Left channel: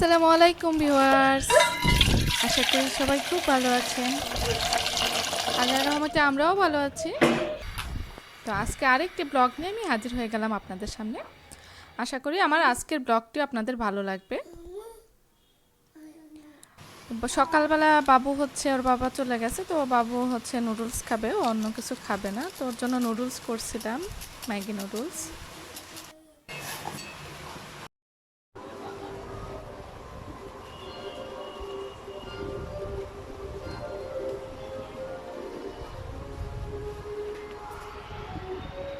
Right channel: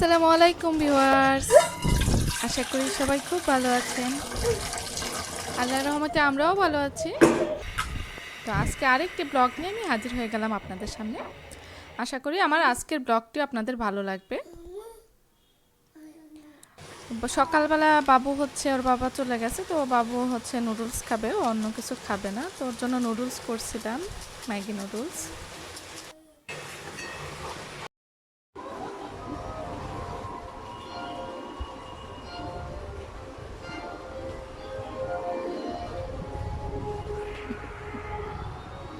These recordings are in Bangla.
আসসালামু আলাইকুম ভিউয়ার্স, আশা করি সবাই খুব ভালো আছেন। আল্লাহর রহমতে আমরাও ভালো আছি। তো আজকে আরেকটি ব্লগ নিয়ে আমি হাজির হয়ে গেলাম আপনাদের সামনে। আশা করি আমার আজকের ব্লগটি আপনাদের ভালো লাগবে। সকালবেলা বাবু ওর বাবা চলে গেছে, তো বাবু নুডলস খাবে, অন্য কিছু খাবে না। তো ওর জন্য নুডলস করছিলাম, ম্যাগি নুডলস।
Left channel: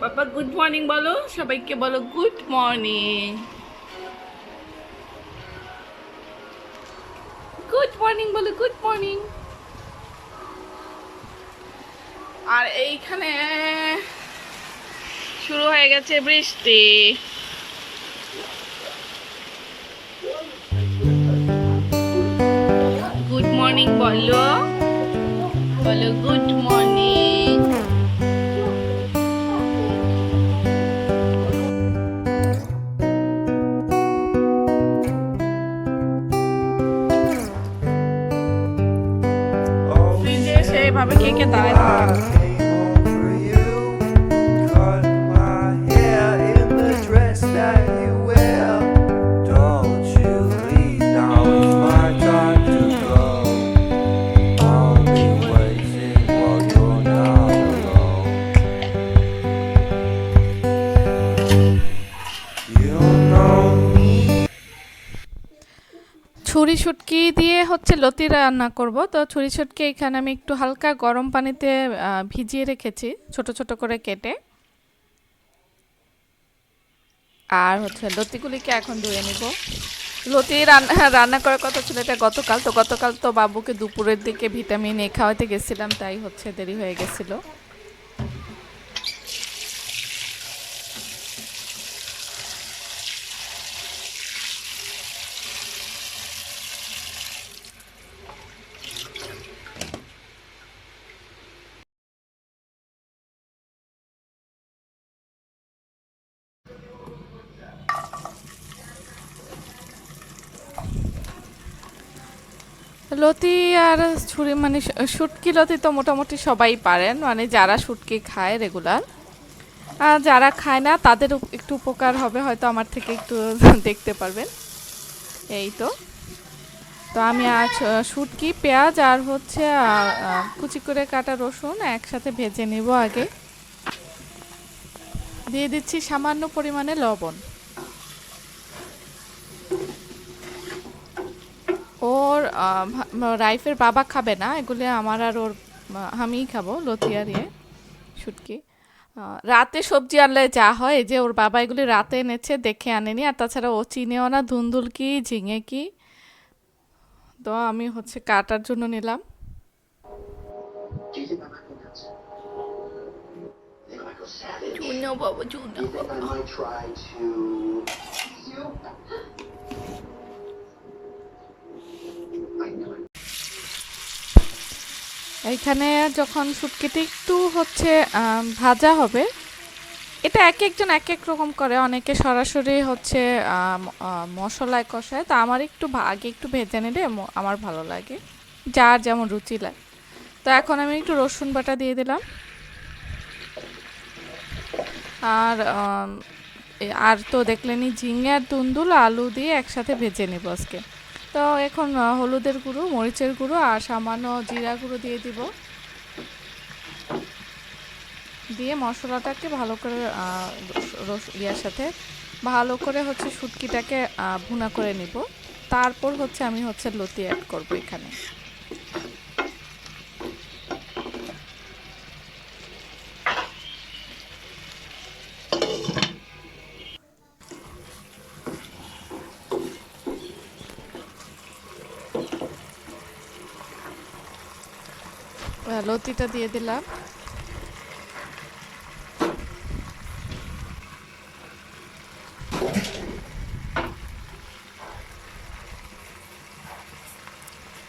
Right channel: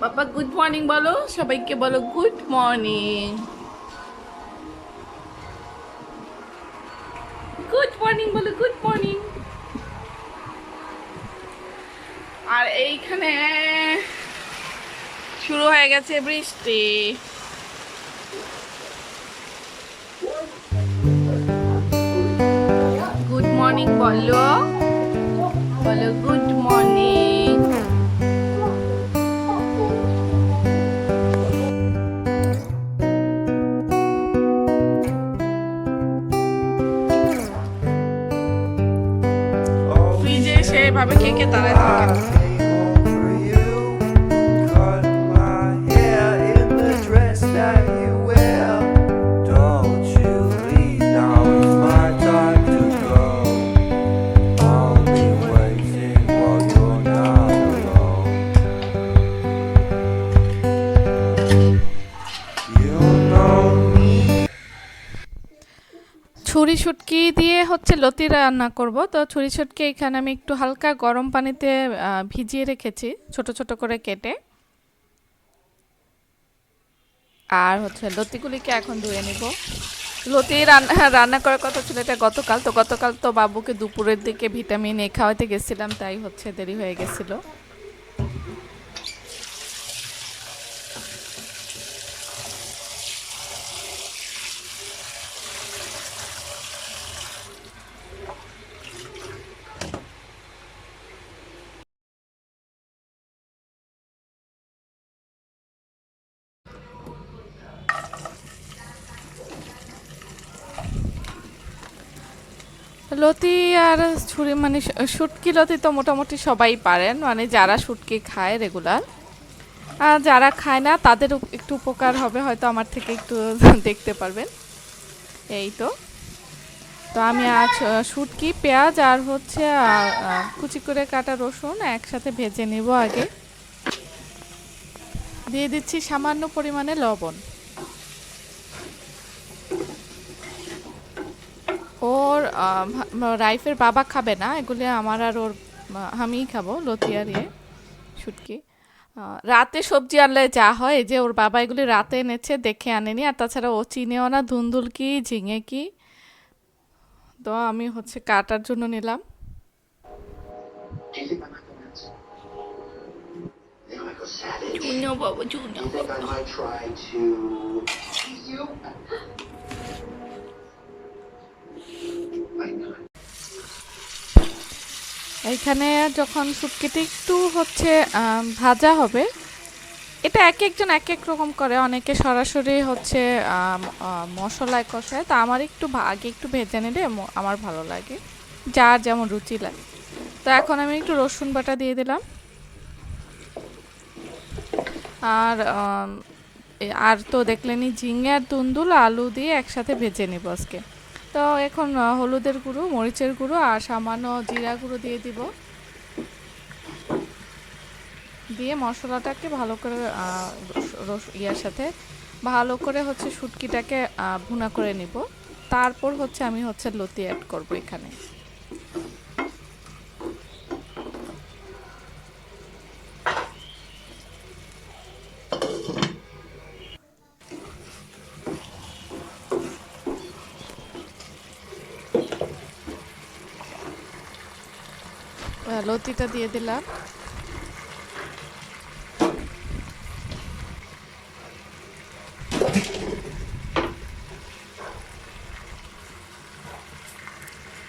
বাবা গুড মর্নিং বলো, সবাইকে বলো গুড মর্নিং। গুড মর্নিং বলো, গুড মর্নিং। আর এইখানে শুরু হয়ে গেছে বৃষ্টি। গুড মর্নিং বলো, বলো গুড মর্নিং। ফ্রিজে সেভাবে থেকে দাঁড়ায় ছুরি শুটকি দিয়ে লতি রান্না করব। তো ছুরি শুটকি এখানে আমি একটু হালকা গরম পানিতে ভিজিয়ে রেখেছি, ছোট ছোট করে কেটে। আর লতিগুলিকে এখন ধুয়ে নিব। লতি রান্না করার কথা ছিল এটা গতকাল। তো গতকাল তো বাবুকে দুপুরের দিকে ভিটামিন এ খাওয়াতে গেছিলাম, তাই দেরি হয়ে গেছিল। লতি আর ছুরি শুটকি লতি তো মোটামুটি সবাই পারেন, যারা শুটকি খায় রেগুলার। আর যারা খায় না তাদের একটু উপকার হবে, হয়তো আমার থেকে একটু দেখতে পারবেন। এই তো আমি আজ শুটকি, পেঁয়াজ আর কুচি করে কাটা রসুন একসাথে ভেজে নিব। আগে দিয়ে দিচ্ছি সামান্য পরিমাণে লবণ। ওর রাইফের বাবা খাবে না এগুলি, আমার আর ওর আমিই খাবো, লতি আর শুটকি। রাতে সবজি আনলে যা হয়, যে ওর বাবা এগুলি রাতে এনেছে, দেখে আনেনি। আর তাছাড়া ও চিনেও না ধুন্দুল কি ঝিঙে কি। তো আমি কাটার জন্য নিলাম। চুনো বাবা, চুনো বাবা। এইখানে যখন শুটকিটা একটু ভাজা হবে, এটা এক একজন এক এক রকম করে। অনেকে সরাসরি মশলায় কষায়, তা আমার একটু আগে একটু ভেজে নিলে আমার ভালো লাগে, যার যেমন রুচি লাগে। তো এখন আমি একটু রসুন বাটা দিয়ে দিলাম। আর আর তো দেখলেনি, ঝিঙে আর দুন্দুল আলু দিয়ে একসাথে ভেজে নিব আজকে। তো এখন হলুদের গুঁড়ো, মরিচের গুঁড়ো আর সামান্য জিরা গুঁড়ো দিয়ে দিব। দিয়ে মশলাটাকে ভালো করে ইয়ার সাথে ভালো করে শুটকিটাকে ভুনা করে নিব। তারপর আমি লতি অ্যাড করব এখানে। লতিটা দিয়ে দিলাম।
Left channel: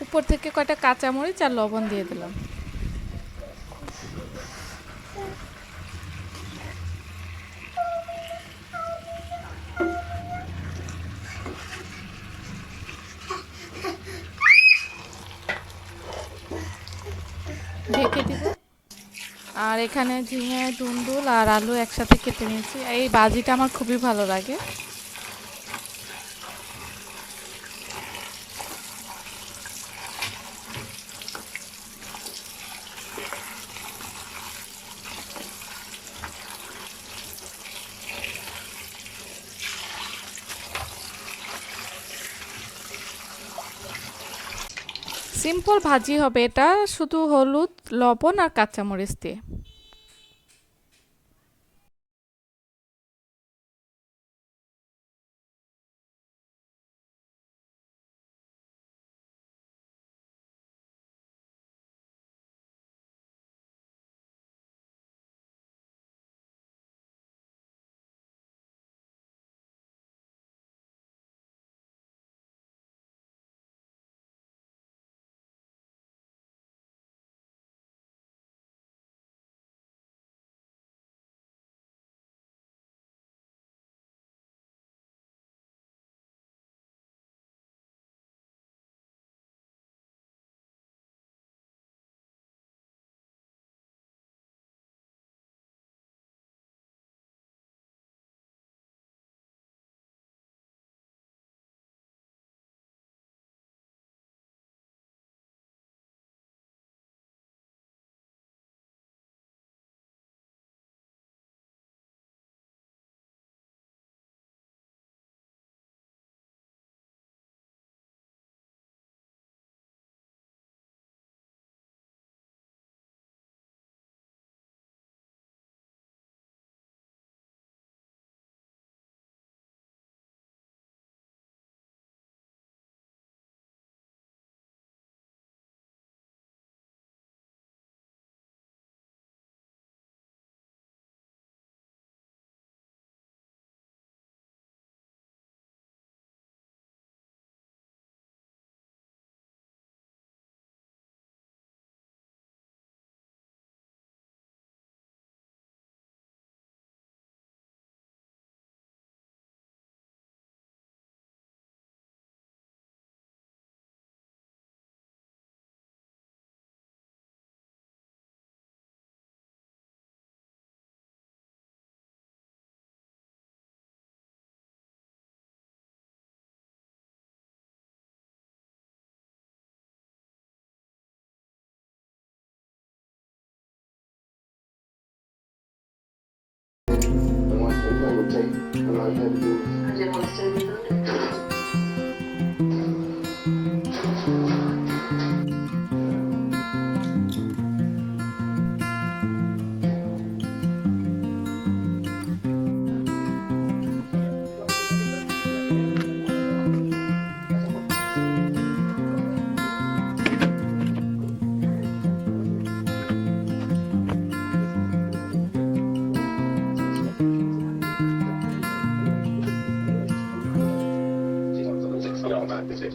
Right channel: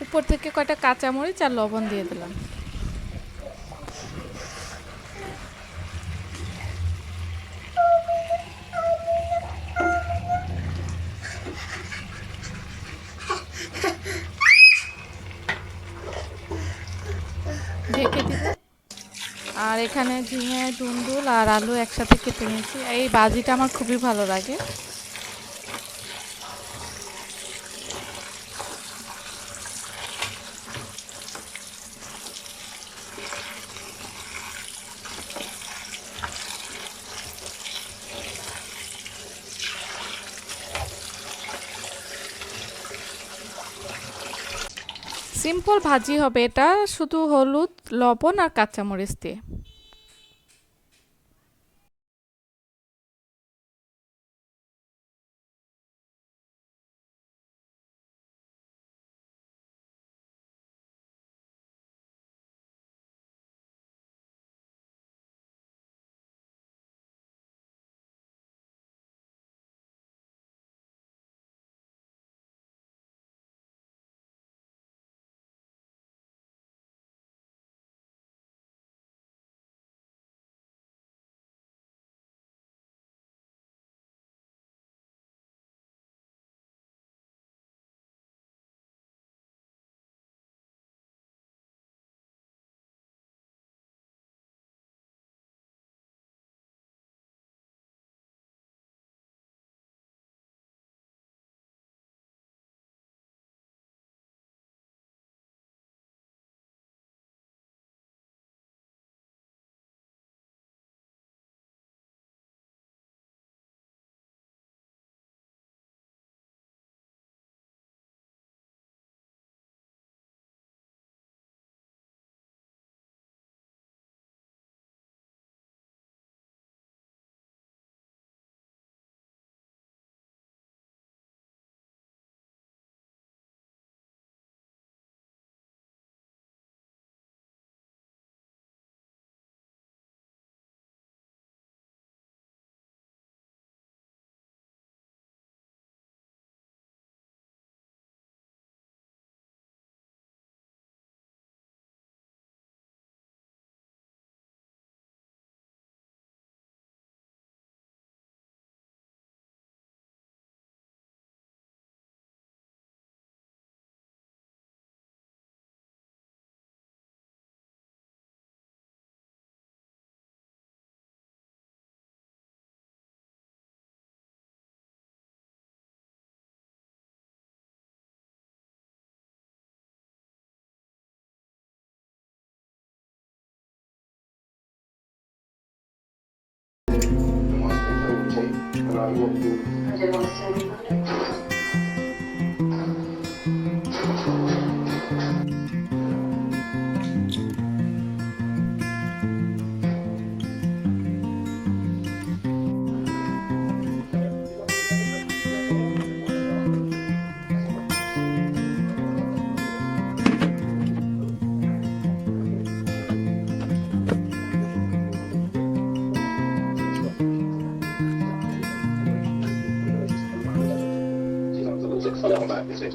উপর থেকে কয়টা কাঁচামরিচ আর লবণ দিয়ে দিলাম। ঢেকে দিব। আর এখানে ঝিঙে, দুন্দুল আর আলু একসাথে কেটে নিয়েছি। এই ভাজিটা আমার খুবই ভালো লাগে। সিম্পল ভাজি হবে এটা, শুধু হলুদ, লবণ আর কাঁচামরিচ দিয়ে।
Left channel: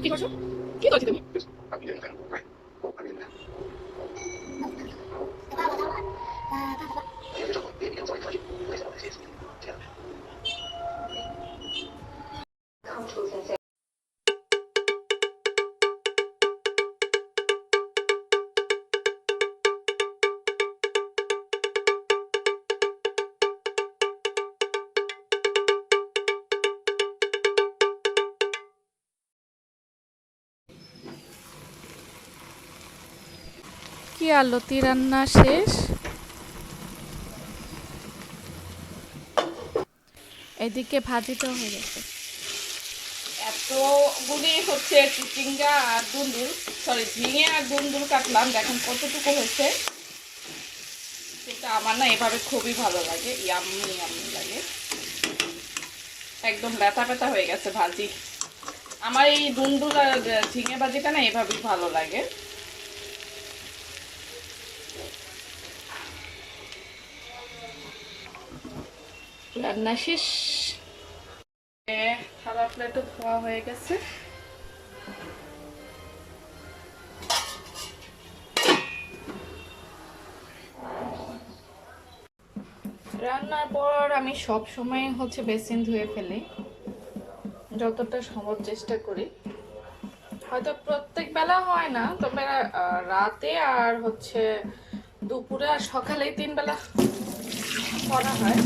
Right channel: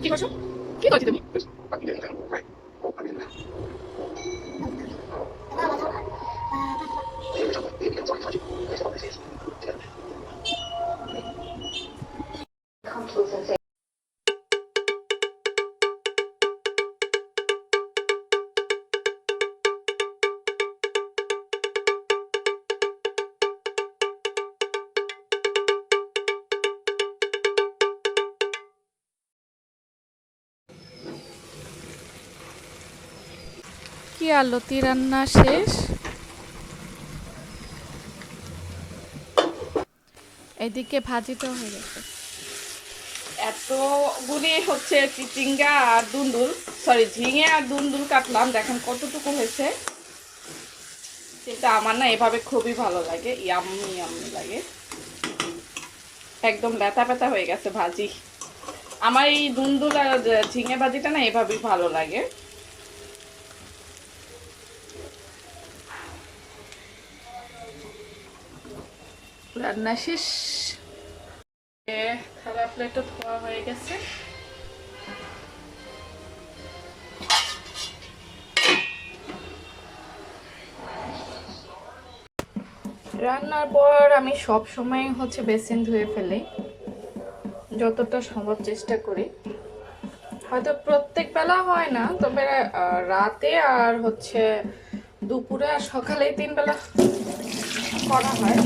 কি করছো? কি করছো তুমি? কি আর লতি রান্না শেষ। এদিকে ভাজিটাও হয়ে গেছে। এতগুলি হচ্ছে চিচিঙ্গা আর দুন্দুল, সরি ঝিঙে আর দুন্দুল কাটলাম, দেখেন কতটুকু হয়েছে। কিন্তু আমার না এভাবে খুবই ভালো লাগে, ইয়াম্মি ইয়াম্মি লাগে, একদম ব্যথা ব্যথা হয়ে গেছে ভাজি। আমার এই দুন্দুল আর ঝিঙে ভাজিটা না এভাবেই ভালো লাগে। রান্না শেষ, খারাপ প্লেটও ধোয়া হয়ে গেছে। রান্নার পর আমি সব সময় হচ্ছে বেসিন ধুয়ে ফেলি, যতটা সম্ভব চেষ্টা করি। হয়তো প্রত্যেক বেলা হয় না, তবে রাতে আর হচ্ছে দুপুরে আর সকালে 3 বেলা করা হয়।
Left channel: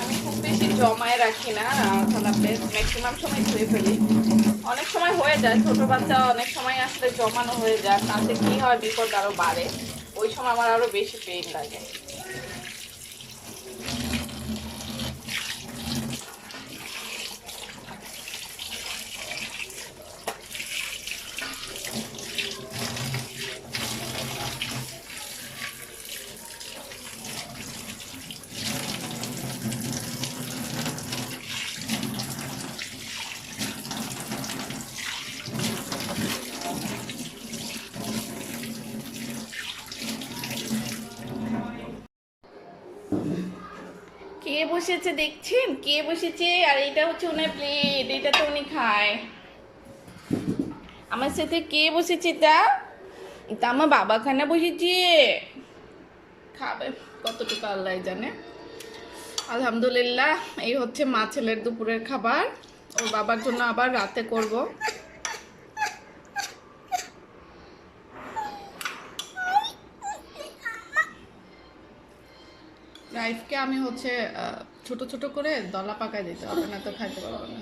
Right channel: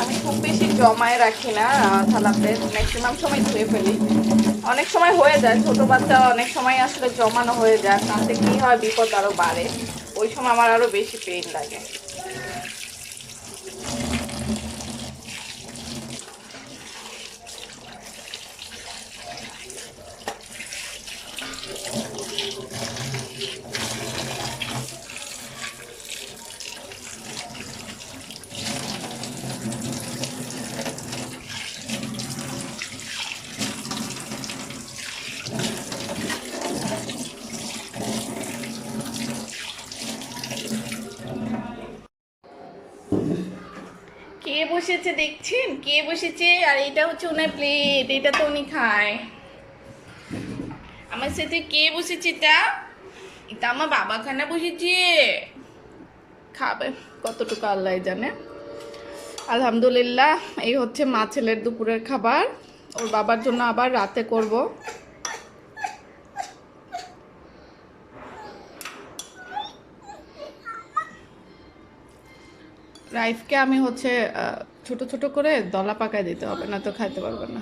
আমি খুব বেশি জমায় রাখি না থালা প্লেট, ম্যাক্সিমাম সময় ধুয়ে ফেলি। অনেক সময় হয়ে যায়, ছোট বাচ্চা অনেক সময় আসলে জমানো হয়ে যায়, তাতে কি হয় বিপদ আরো বাড়ে, ওই সময় আমার আরো বেশি পেইন লাগে। কে বসেছে দেখছেন, কে বসেছে? আর এটা হচ্ছে ওনার প্লেট, এটা তো উনি খায়। আমার সাথে কে বসেছে? এটা এটা আমার বাবা খানা বসেছে, খাবে কতটুকু আল্লাহ জানে। আলহামদুলিল্লাহ, এই হচ্ছে মা ছেলের দুপুরের খাবার। ওর বাবার জন্য আবার রাতে করব। রাইফকে আমি হচ্ছে ছোট ছোট করে দলা পাকায় দিতে হবে, না তো খাইতে পারবে না।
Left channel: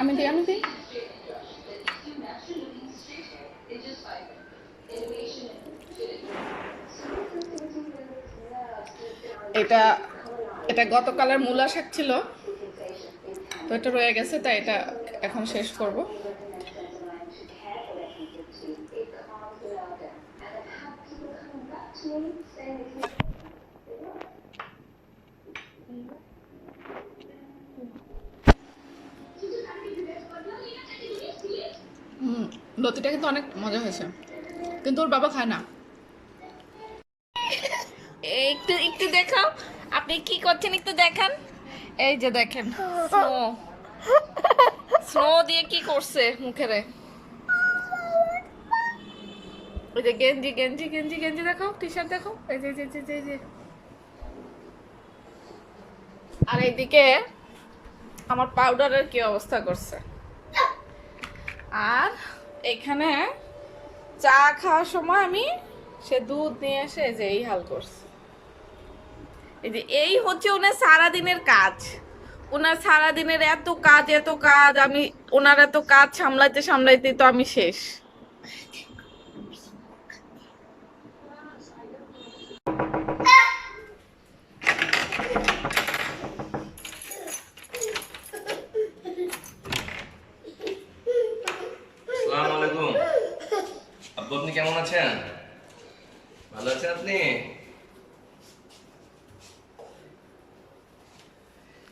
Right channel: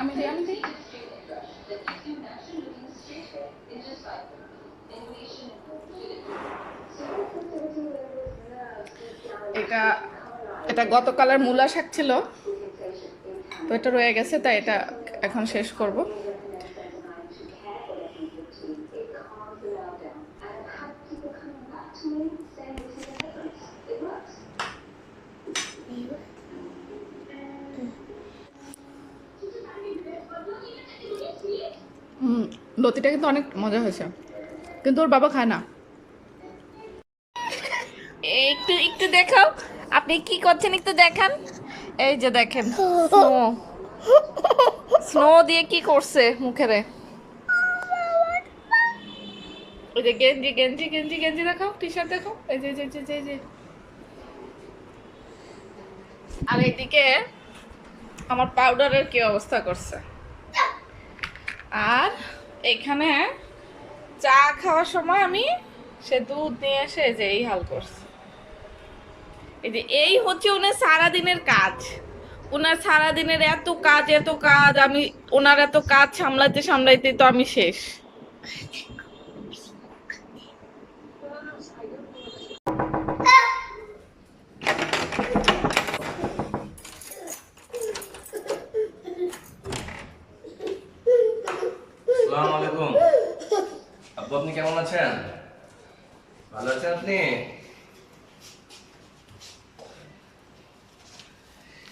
আমি দিই, আমি দিই। এটা এটা গতকালের মূলা শাক ছিল, তো এটা রয়ে গেছে, তাই এটা এখন শেষ করব। লতিটা কিন্তু অনেক মজা হয়েছে, কিন্তু ওর বাবা খায় না। একটু একটু দেখাও, আপনি কি করছেন একটু দেখান। এই যে দেখেন, স্নো স্নো দিয়ে কি করছে মুখেরে। ওই যে গেঞ্জি গেঞ্জি গেঞ্জি গেঞ্জি দেখাও, টি শার্ট দেখাও, এই যে যে যে যে যে। আর এইদিকে আমার পাউডারের কি অবস্থা করছে। আর এখানে চা খাওয়ার সময় আমি সে দুধ নিয়ে এসে যে এই হাল করছে। এই যে এই হচ্ছে ওনার সারাদিনের কাজ, ওনার সারাদিনের এত কাজ এত কাজ, আমি ওনার এত কাজ সামলাইতে সামলাইতে তো আমি শেষ। আসসালামু আলাইকুম আব্বু, আপনি কেমন আছেন? ভালো আছেন আপনি?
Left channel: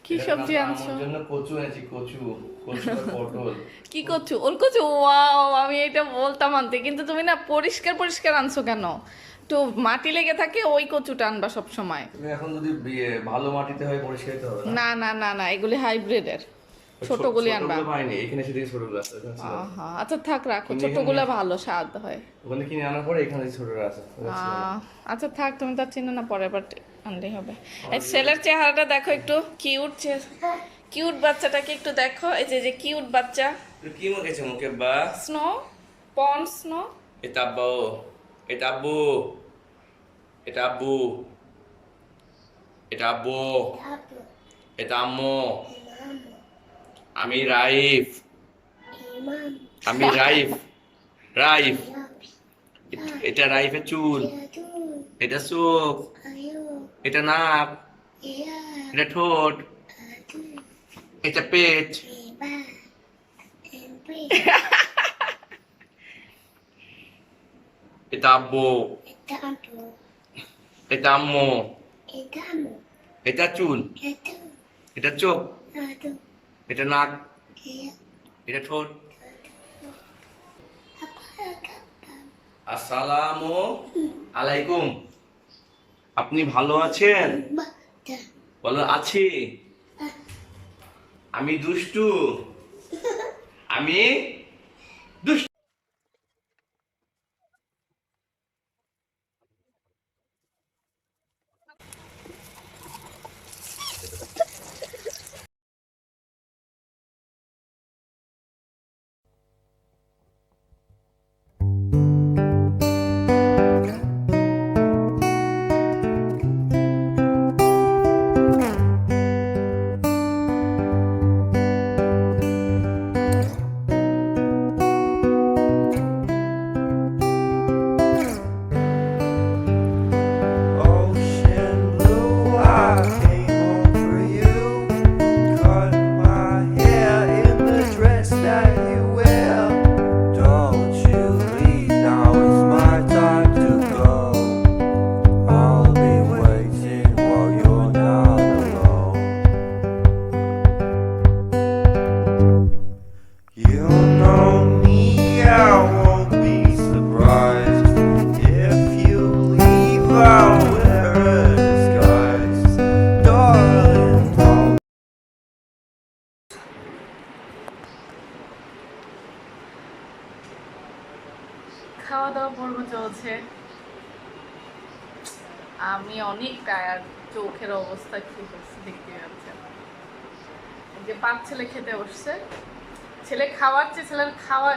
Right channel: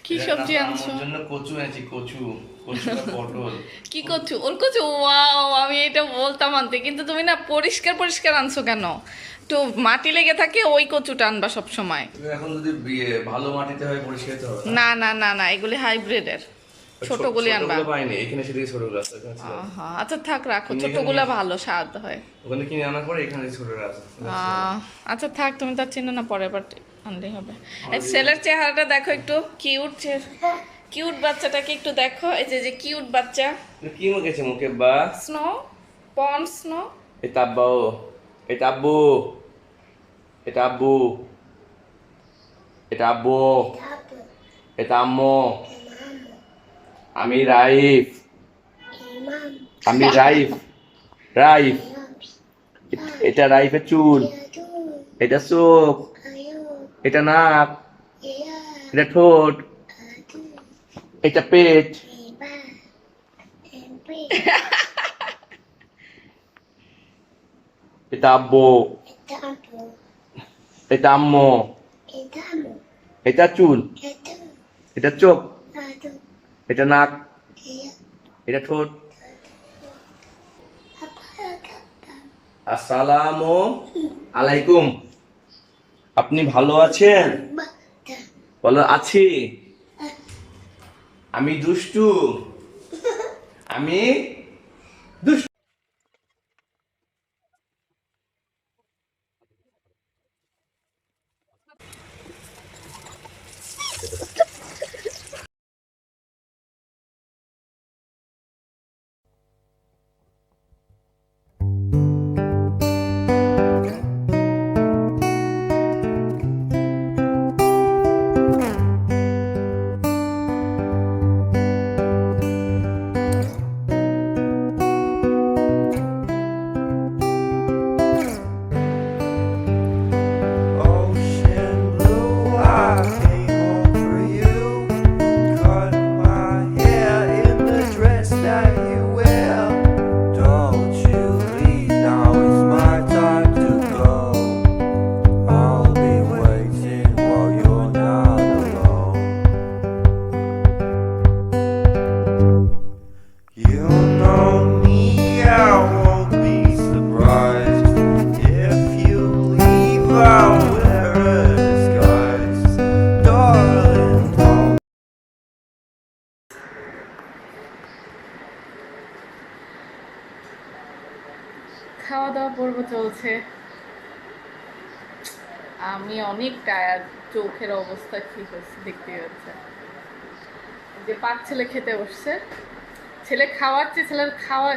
কি সবজি আনছো? আমার জন্য কচু এনেছি, কচু কচু আর পটল। কি করছো? ওর কচু, ওয়াও, আমি এটা বলতাম আনতে, কিন্তু তুমি না পরিষ্কার পরিষ্কার আনছো কেন? তো মাটি লেগে থাকে, ওই কচুটা আনবা সব সময়। তুমি এখন যদি ভালো মাটিতে হয় পরিষ্কার করতে হবে না না না না, এগুলি হাইব্রিডের, ছোটগুলি আনবা। ছোটগুলো পাইনি, এখানে সেদিকে ছোটগুলো আছে, এখানে ছিল। আহা, আচ্ছা থাক, রাখো, তুমি ছোটগুলা এখানে- ভালো স্বাদ হয়। ওখানে কিনে আনার পরে এখানে ছোটগুলো আছে। আচ্ছা থাক, তুমি তার চিনো না, পরে আবার আনলেই হবে। এই ছেলের চেহারাটা দেখো একটু, কিউট কিউট বাচ্চাটাকে একটু দেখো, এই যে যে কিউট বাচ্চা। কি মুখেছে মুখে বা? স্নো, পন স্নো। এটা আব্বু, এটা আব্বু, এটা আব্বু, এটা আব্বু, এটা আম্মু, আমি রাইফ, আমি রাইফ, রাইফ, এটা রাইফের চুল, এটা চোখ, এটা নাক, এটা ঠোঁট, এটা পেট, এটা আব্বু, এটা আম্মু, এটা চুল, এটা চোখ, এটা নাক, এটা ঠোঁট। আসসালামু আলাইকুম, আপনি ভালো আছেন? বলো আছি। আমি দুষ্টু, আমি দুষ্টু। খাওয়া দাওয়া পর্ব চলছে। আমি অনেক টায়ার্ড, চোখের অবস্থা কি হয়েছে দেখতে যাচ্ছে। যে পাঁচ ছেলে খেতে বসছে, ছেলে খাওয়াচ্ছে, ছেলের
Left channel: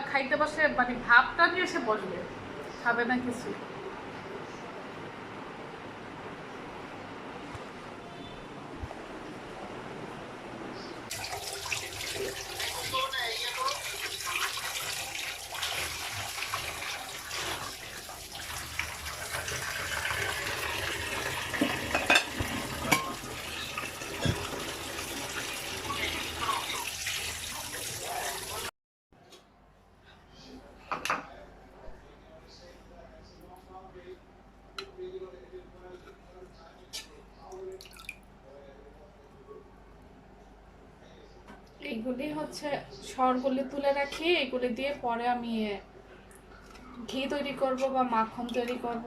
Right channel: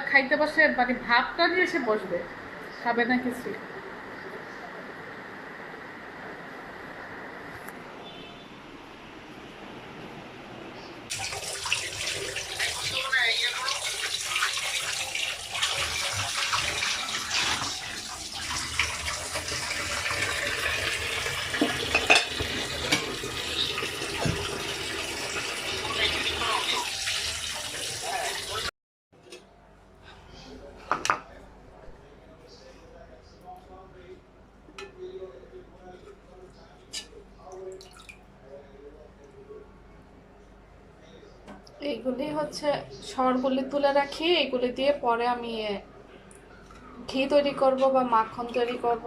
খাইতে বসে মানে ভাবটা নিয়ে এসে বসবে, খাবে না কিছু। এইগুলি হচ্ছে সরগুলি তুলে রাখি, এগুলি দিয়ে পরে আমি ঘি তৈরি করব বা মাখন তৈরি করব।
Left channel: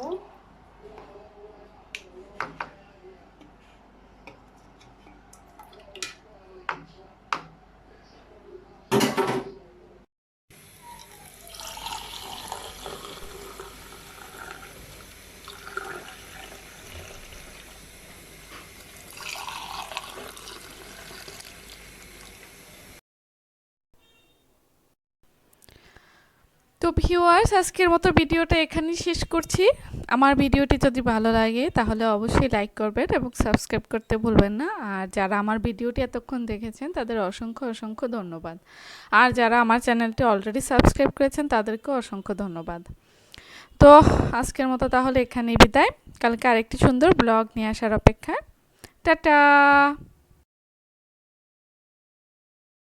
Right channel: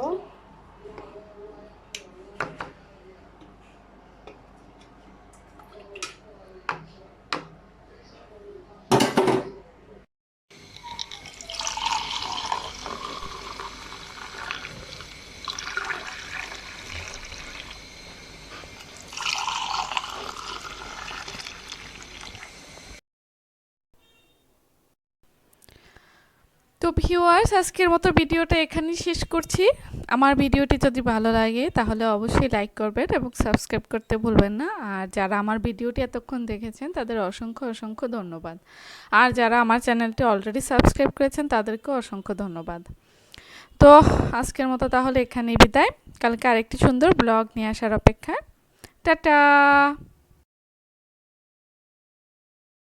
তো ভিউয়ার্স, আজকের মতো ভিডিওটা এখানেই শেষ করছি। আমার ভিডিওটি যদি ভালো লাগে তাহলে অবশ্যই লাইক করবেন এবং সাবস্ক্রাইব করতে ভুলবেন না। আর যারা আমার ভিডিওটি এতক্ষণ দেখেছেন তাদের অসংখ্য অসংখ্য ধন্যবাদ। আর যারা আমার চ্যানেলটি অলরেডি সাবস্ক্রাইব করেছেন তাদেরকেও অসংখ্য ধন্যবাদ। তো আজকের মতো তাহলে এখানেই বিদায়। কালকে আরেকটি সুন্দর ব্লগ নিয়ে আসার অপেক্ষায়। টাটা।